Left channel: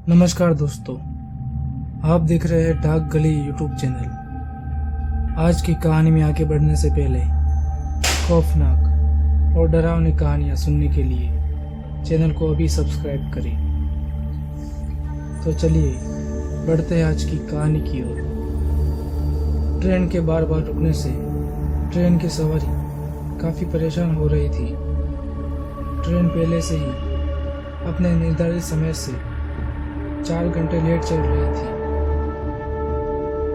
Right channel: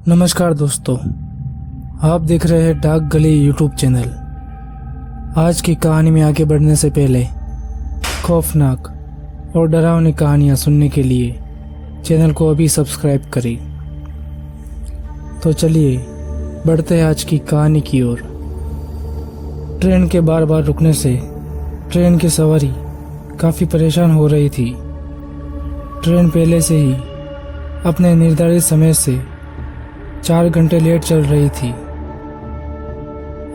नमस्कार दोस्तों, आप देख रहे हैं डाक गली यूट्यूब चैनल। आज की कहानी में आगे बढ़ने से पहले खौफनाक और डरावनी कहानियाँ सुनने के लिए चैनल को अभी सब्सक्राइब करें। तो चलिए बढ़ते हैं आज की कहानी की ओर। ट्रेन के बार बार रुकने से ट्रेन की सवारी काफ़ी परेशान हो रही थी। ट्रेन पहले से ही अपने निर्धारित समय से 4 घंटे लेट चल रही थी।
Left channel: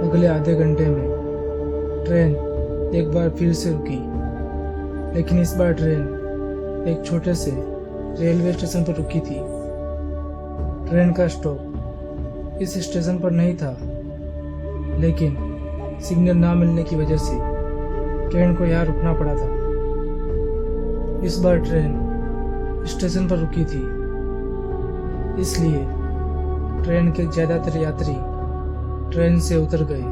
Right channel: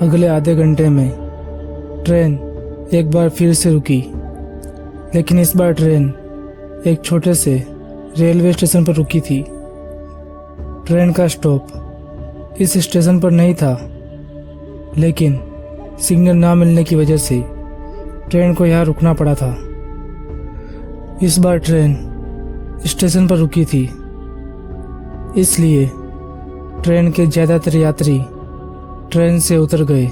अगले आधे घंटे में ट्रेन एक बार फिर से रुकी, लेकिन इस बार ट्रेन एक छोटे से रेलवे स्टेशन पर रुकी थी। ट्रेन का स्टॉप इस स्टेशन पर नहीं था, लेकिन सिग्नल ना मिलने की वजह से ट्रेन को यहाँ रुकना पड़ा था। इस बार ट्रेन स्टेशन पर रुकी थी, इसलिए ट्रेन के ज़्यादातर यात्री ट्रेन से उतर गए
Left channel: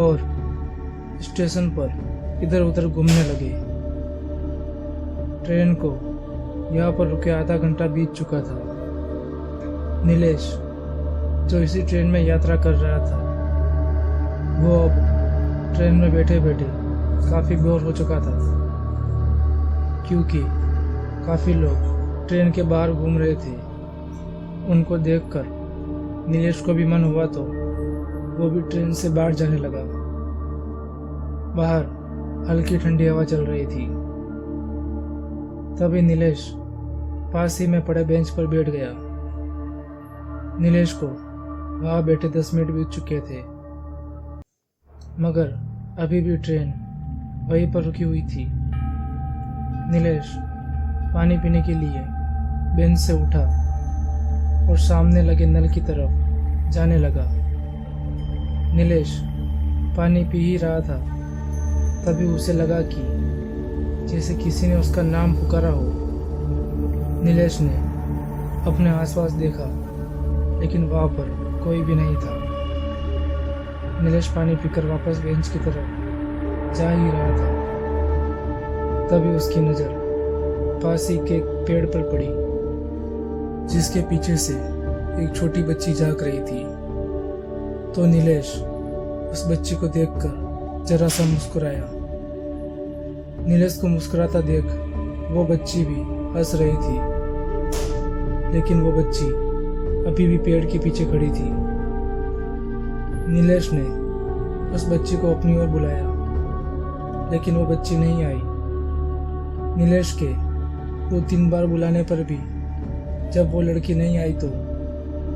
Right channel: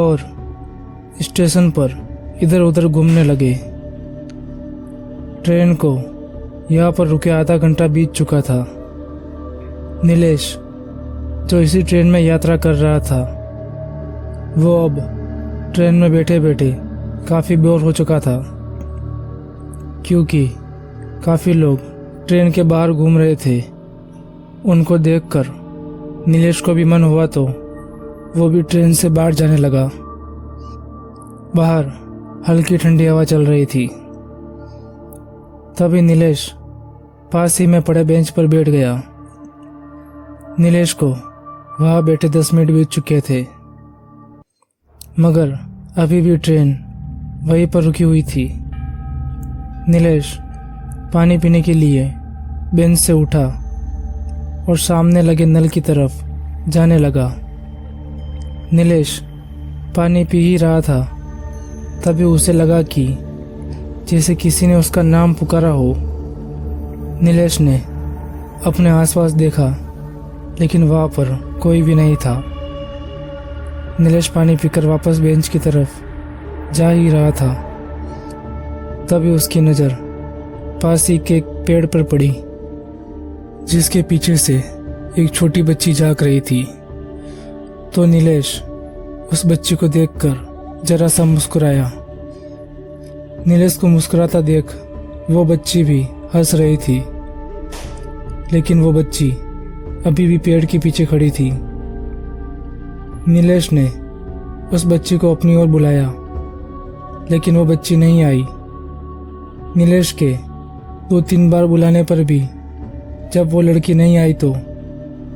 और स्टेशन पर इधर उधर घूमने लगे। ट्रेन को यहाँ पर रुके आधा घंटा बीत चुका था। नीलेश, जो इसी ट्रेन में यात्रा कर रहा था, वो अब ट्रेन में बैठे बैठे काफ़ी बोर हो चुका था, क्योंकि काफ़ी लोग ट्रेन के बाहर घूम रहे थे। उनको देखकर नीलेश को भी मन हुआ तो वो भी ट्रेन से बाहर जाने लगा। बाहर हल्की ठंडी हवा चल रही थी। तभी नीलेश पास ही में पड़े बेंच पर बैठ गया। नीलेश को वहाँ बैठे 10 मिनट बीत चुके थे, मगर अभी भी ट्रेन वहीं पर रुकी हुई थी। नीलेश पानी पीने के लिए बेंच से उठा और सामने लगे नल की तरफ जाने लगा। नीलेश पानी पी ही रहा था, तभी उसे लगा कि जैसे किसी ने उसका नाम पुकारा हो। नीलेश ने अपने आसपास देखा, लेकिन वहाँ पर कोई भी नहीं था। नीलेश पानी पीकर वापस बेंच की तरफ जा ही रहा था, तभी उसकी नज़र पास ही के एक पेड़ पर पड़ी, जिसके पीछे से एक छोटी बच्ची झांक रही थी। तो नीलेश उस बच्ची को देखकर जरा सा मुस्कुराया। नीलेश को मुस्कुराता देख वो बच्ची भी हंस रही थी, लेकिन वो बच्ची अभी भी पेड़ के पीछे खड़ी थी। नीलेश ने उस बच्ची को अपनी ओर बुलाया, लेकिन वो बच्ची नहीं आई। नीलेश के 2-3 बार बुलाने पर भी जब वो लड़की नहीं आई तो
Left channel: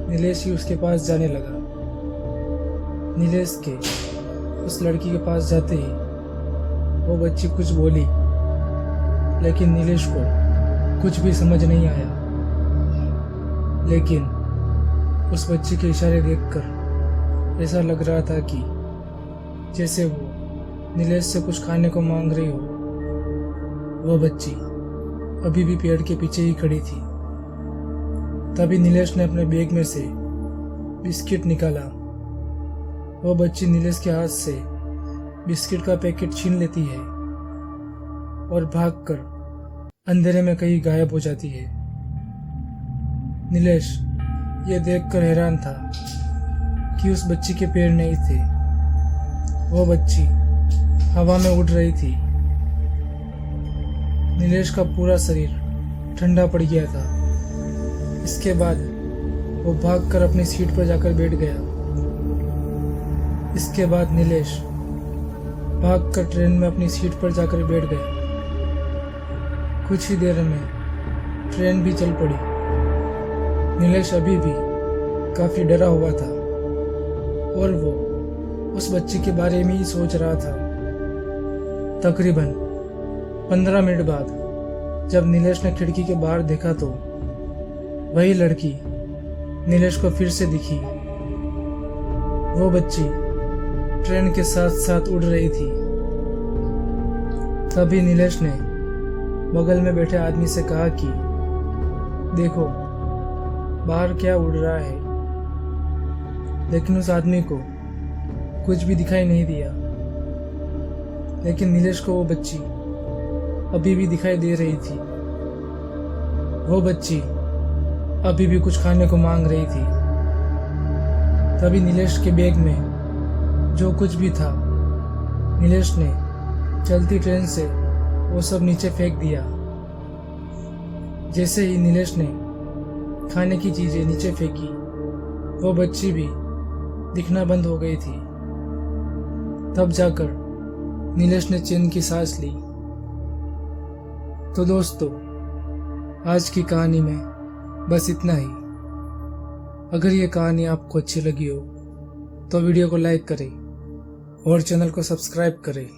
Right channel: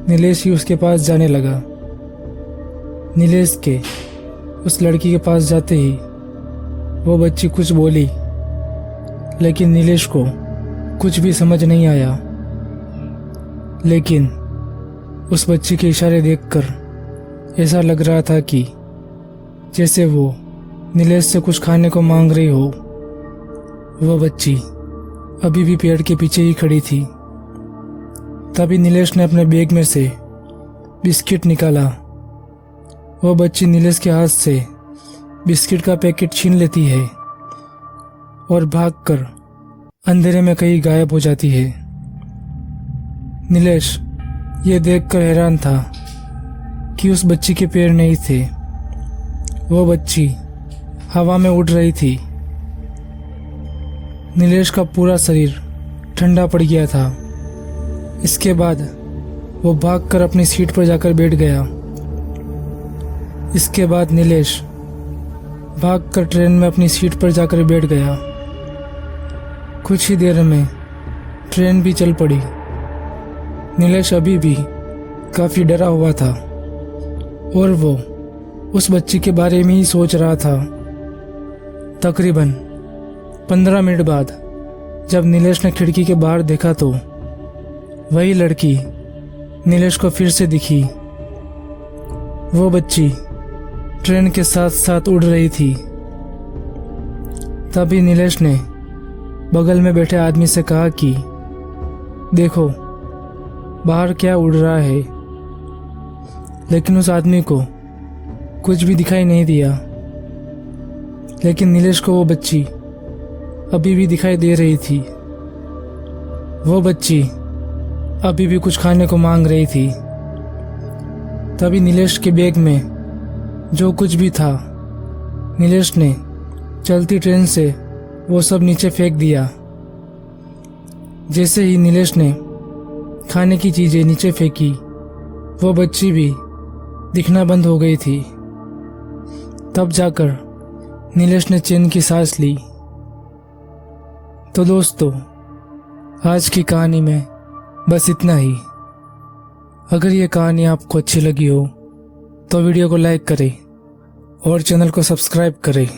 नीलेश ही उसके पास जाने लगा। नीलेश के उस लड़की के पास जाते ही वो बच्ची कुछ बोली, लेकिन नीलेश को कुछ भी समझ नहीं आया। लेकिन उस बच्ची के इशारे देखकर ऐसा लग रहा था कि जैसे वो नीलेश से कुछ खाने को मांग रही हो। वो बच्ची अभी भी पेड़ के पीछे ही खड़ी थी। तभी नीलेश ने अपने बैग में से बिस्किट निकाला। वो बच्ची नीलेश के हाथ से बिस्किट का पैकेट छीन लेती है और भागकर अंधेरे में कहीं गायब हो जाती है। नीलेश ये देखकर हैरान था कि उस बच्ची के पैर नहीं थे। वो बच्ची हवा में उड़ रही थी। नीलेश का पूरा शरीर ठंडा पड़ गया था। इसके बाद वो भागकर अपनी सीट पर जाकर बैठ गया। इसके बाद नीलेश भागकर ट्रेन में अपनी सीट पर जाकर बैठ गया। कुछ ही देर में ट्रेन भी चल पड़ी। नीलेश अभी भी काफ़ी डरा हुआ था और वो उस बच्ची के बारे में ही सोच रहा था। तकरीबन 15 मिनट बाद जब नीलेश ने खिड़की के बाहर देखा तो वही लड़की नीलेश को फिर से दिखी। वो बच्ची ट्रेन के साथ साथ उड़ रही थी। तभी नीलेश ने बगल में बैठे आदमी से कहा कि देखो बाहर क्या उड़ रहा है। लेकिन उस आदमी को कुछ भी दिखाई नहीं दिया। लेकिन नीलेश को वो बच्ची अभी भी दिखाई दे रही थी। वो बच्ची अभी भी कुछ खाने को मांग रही थी। तभी नीलेश के बैग में जो कुछ भी था, नीलेश ने चलती ट्रेन से वो सब नीचे फेंक दिया। जैसे ही नीलेश ने खाने की चीज़ें नीचे फेंकी, वो बच्ची भी दिखना बंद हो गई थी। तब जाकर नीलेश ने चैन की सांस ली। तो दोस्तों, आज की कहानी में बस इतना ही। अगर ये कहानी आपको अच्छी लगी हो तो वीडियो को लाइक करें और चैनल को सब्सक्राइब करें।